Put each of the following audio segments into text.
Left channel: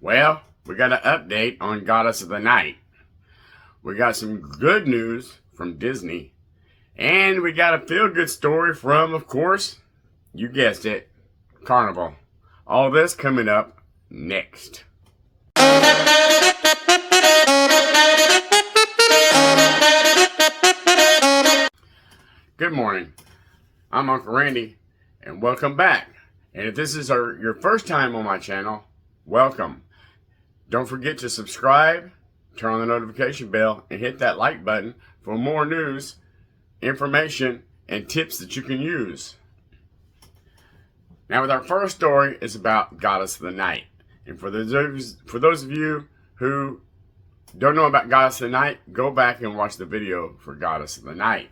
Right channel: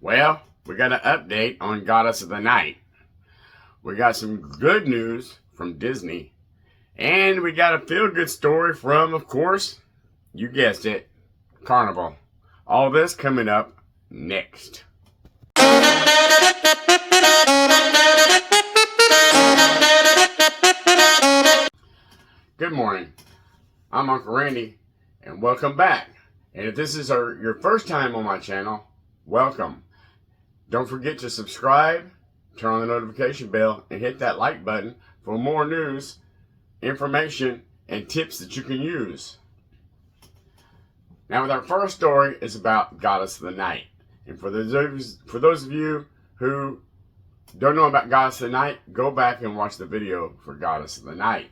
Well, we got an update on Goddess of the Night. We got some good news from Disney. And we got a feel-good story from, of course, you guessed it, Carnival. All this coming up next. Good morning. I'm Uncle Randy, and welcome back. And if this is your first time on my channel, welcome. Don't forget to subscribe, turn on the notification bell, and hit that like button for more news, information, and tips that you can use. Now, with our first story is about Goddess of the Night. And for those of you who don't know about Goddess of the Night, go back and watch the video for Goddess of the Night.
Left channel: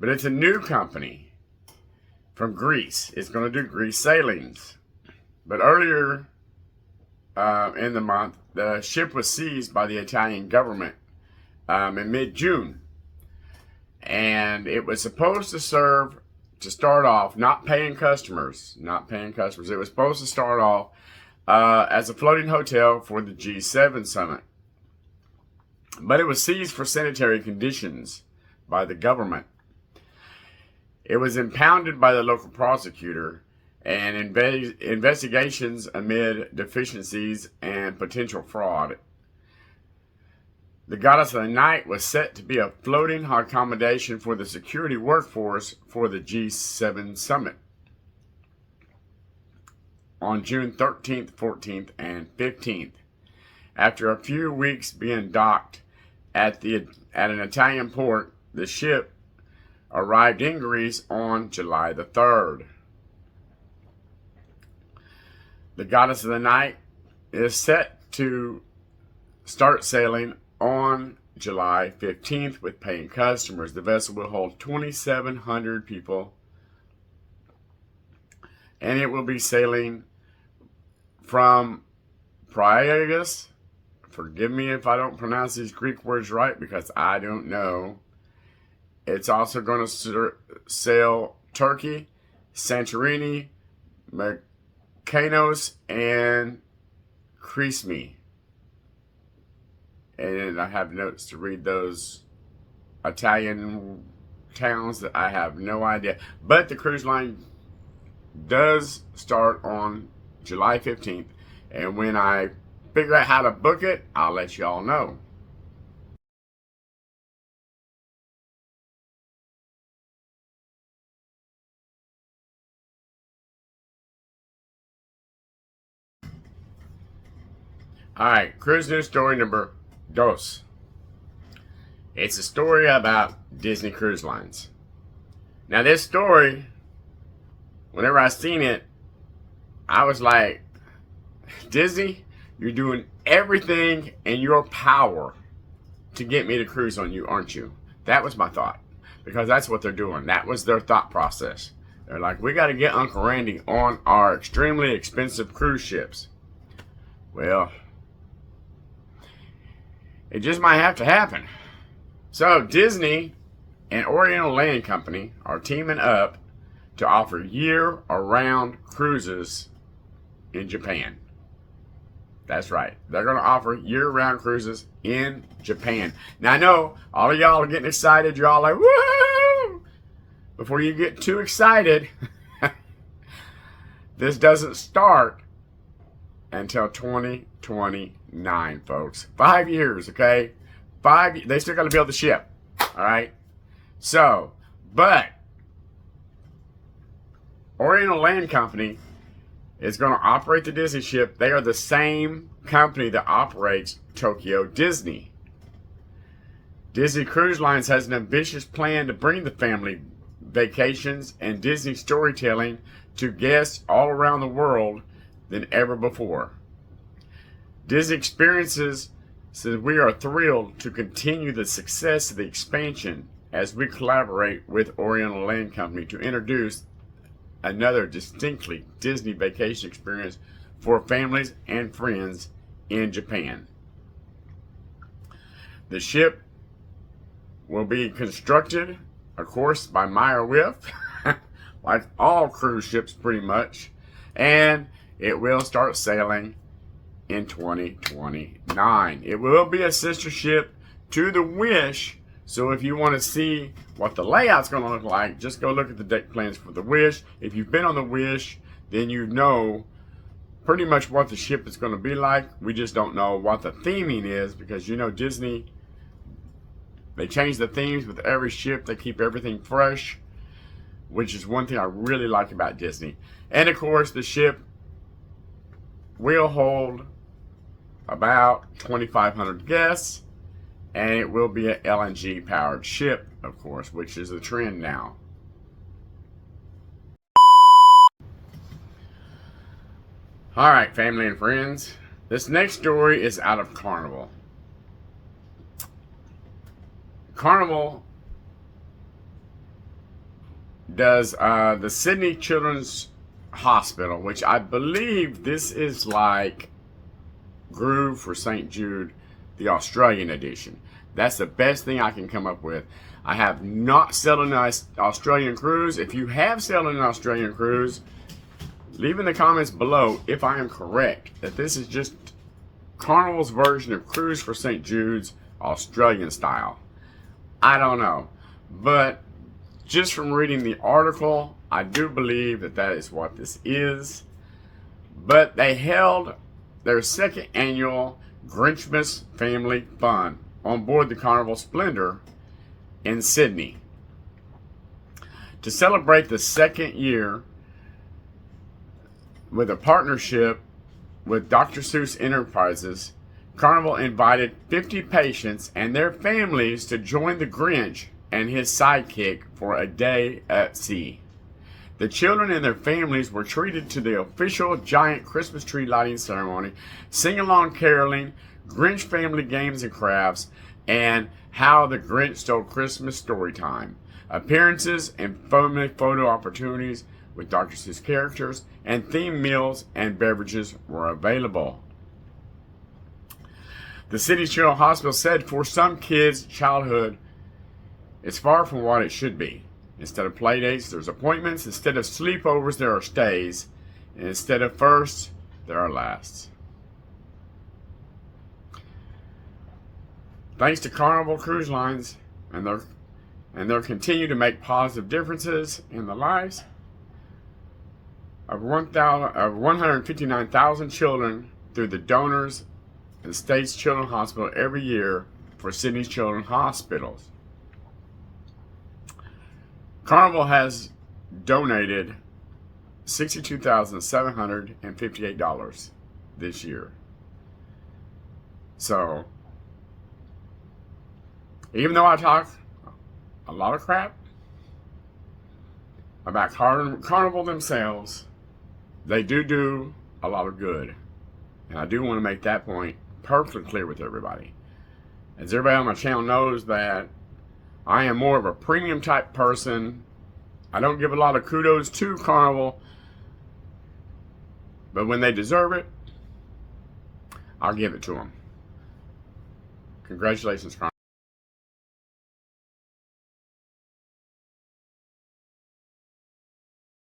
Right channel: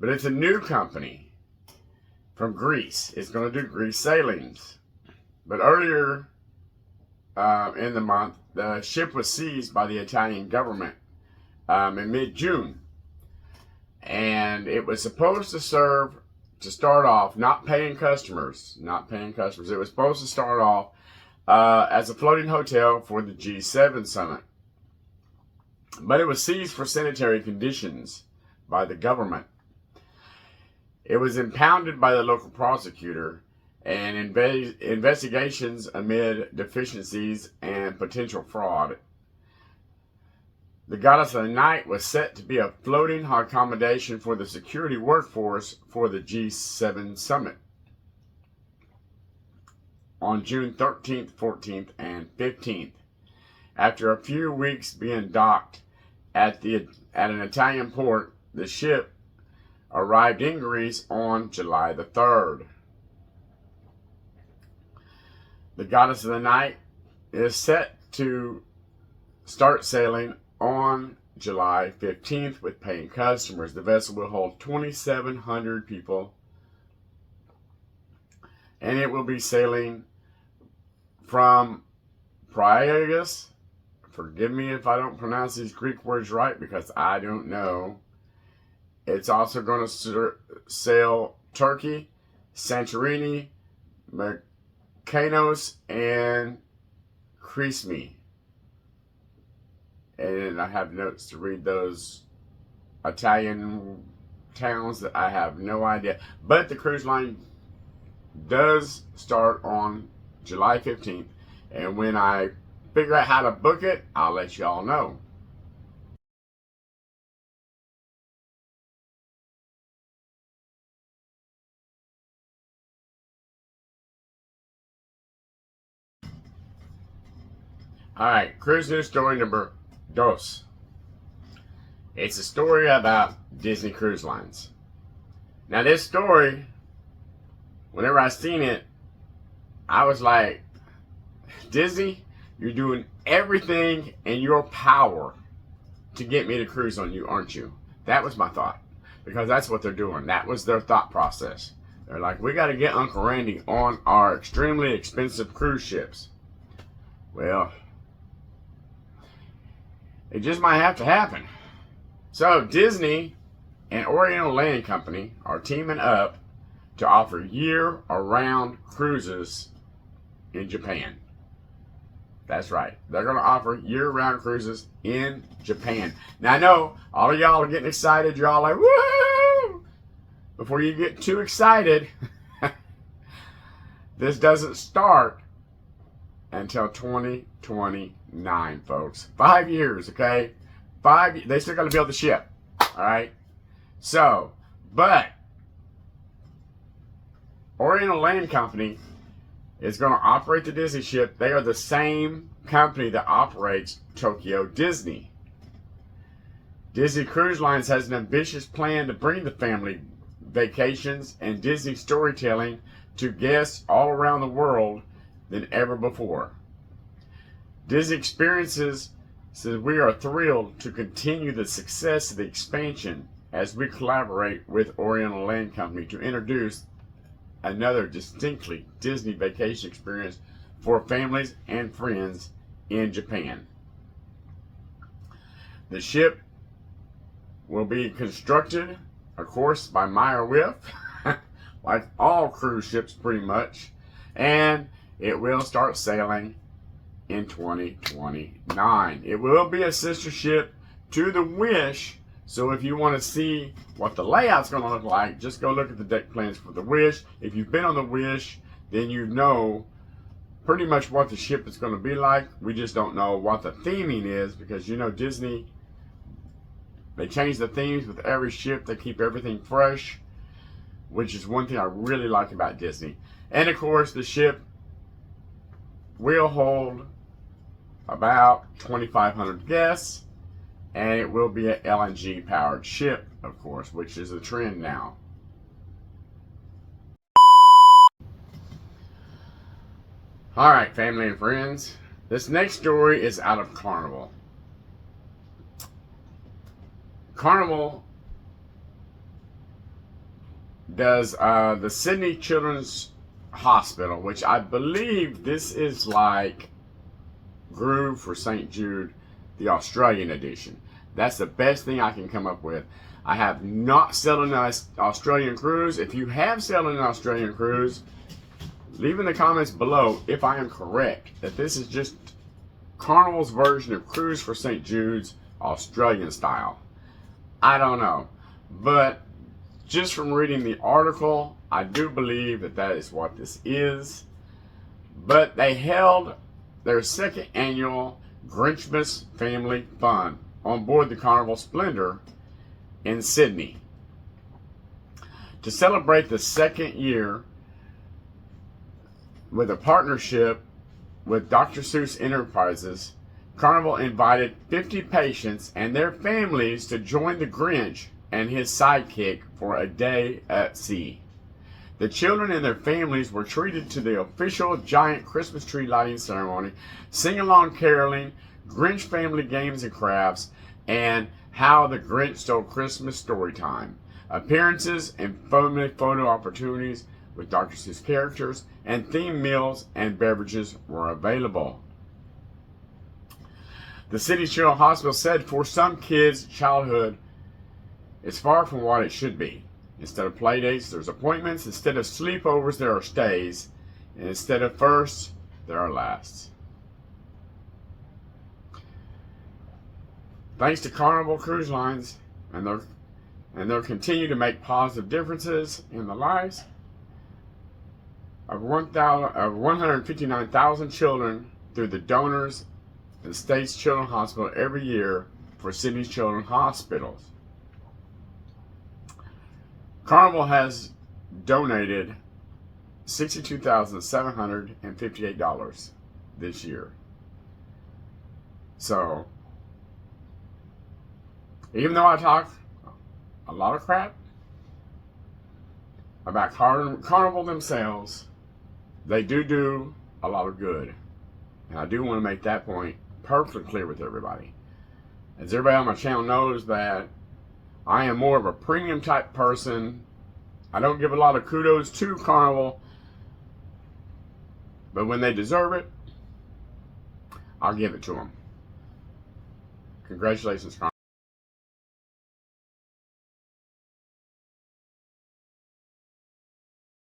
But it's a new company from Greece. It's going to do Greece sailings. But earlier in the month, the ship was seized by the Italian government in mid-June. And it was supposed to serve, to start off, not paying customers. It was supposed to start off as a floating hotel for the G7 summit. But it was seized for sanitary conditions by the government. It was impounded by the local prosecutor, and investigations amid deficiencies and potential fraud. The Goddess of the Night was set to be a floating accommodation for the security workforce for the G7 summit on June 13th, 14th, and 15th. After a few weeks being docked at an Italian port, the ship arrived in Greece on July the 3rd. The Goddess of the Night is set to start sailing on July 15th with paying customers. The vessel will hold 2,700 people, and it will be sailing from Piraeus. Forgive me if I don't pronounce these Greek words right, because I don't know. It's also going to sail Turkey, Santorini, Mykonos, and Crete. And I have notes to read those Italian towns that I have no idea. But the cruise line does start on July 15th. And when I figure out how to book it, I'll let you all know. Alright, cruise news story number dos. It's a story about Disney Cruise Lines. Now this story, whenever I seen it, I was like, Disney, you're doing everything in your power to get me to cruise on you, aren't you? That was my thought. Because that's what they're doing. That was their thought process. They're like, we got to get Uncle Randy on our extremely expensive cruise ships. Well, it just might have to happen. So Disney and Oriental Land Company are teaming up to offer year-round cruises in Japan. That's right. They're going to offer year-round cruises in Japan. Now I know all of y'all are getting excited. You're all like, woo! Before you get too excited, this doesn't start until 2029, folks. 5 years, okay? They still got to build the ship, all right? So, but Oriental Land Company is going to operate the Disney ship. They are the same company that operates Tokyo Disney. Disney Cruise Lines has an ambitious plan to bring the family vacations and Disney storytelling to guests all around the world than ever before. Disney Experiences says we are thrilled to continue the success of the expansion as we collaborate with Oriental Land Company to introduce another distinctly Disney vacation experience for families and friends in Japan. The ship will be constructed, of course, by Meyer Wiff, like all cruise ships pretty much, and it will start sailing in 2029. It will be a sister ship to the Wish. So if you want to see what the layout's going to look like, just go look at the deck plans for the Wish. If you've been on the Wish, then you know pretty much what the ship is going to be like. We just don't know what the theming is, because you know Disney, they change the themes with every ship. They keep everything fresh, which is one thing I really like about Disney. And of course, the ship will hold about 2,500 guests, and it will be an LNG powered ship, of course, which is a trend now. All right, family and friends, this next story is out of Carnival. Carnival does the Sydney Children's Hospital, which I believe this is like Groove for St. Jude, the Australian edition. That's the best thing I can come up with. I have not sailed an Australian cruise. If you have sailed an Australian cruise, leave in the comments below if I am correct that this is just Carnival's version of Cruise for St. Jude's Australian style. I don't know, but just from reading the article, I do believe that that is what this is. But they held their second annual Grinchmas Family Fun on board the Carnival Splendor in Sydney. To celebrate the second year, with a partnership with Dr. Seuss Enterprises, Carnival invited 50 patients and their families to join the Grinch and his sidekick for a day at sea. The children and their families were treated to the official giant Christmas tree lighting ceremony, sing-along caroling, Grinch family games and crafts, and How the Grinch Stole Christmas story time. Appearances and family photo opportunities with Dr. Seuss characters and themed meals and beverages were available. The City Children's Hospital said for some kids, childhood is far from what it should be. Instead of play dates, there's appointments. Instead of sleepovers, there are stays. And instead of firsts, there are lasts. Thanks to Carnival Cruise Lines and their continue to make positive differences in the lives of 159,000 children through the donors and the state's Children's Hospital every year for Sydney's Children's Hospitals. Carnival has donated $62,758 this year. So, even though I talk a lot of crap about Carnival themselves, they do a lot of good. And I do want to make that point perfectly clear with everybody. As everybody on my channel knows that I am more of a premium type person. I don't give a lot of kudos to Carnival, but when they deserve it, I'll give it to them. Congratulations, Carnival.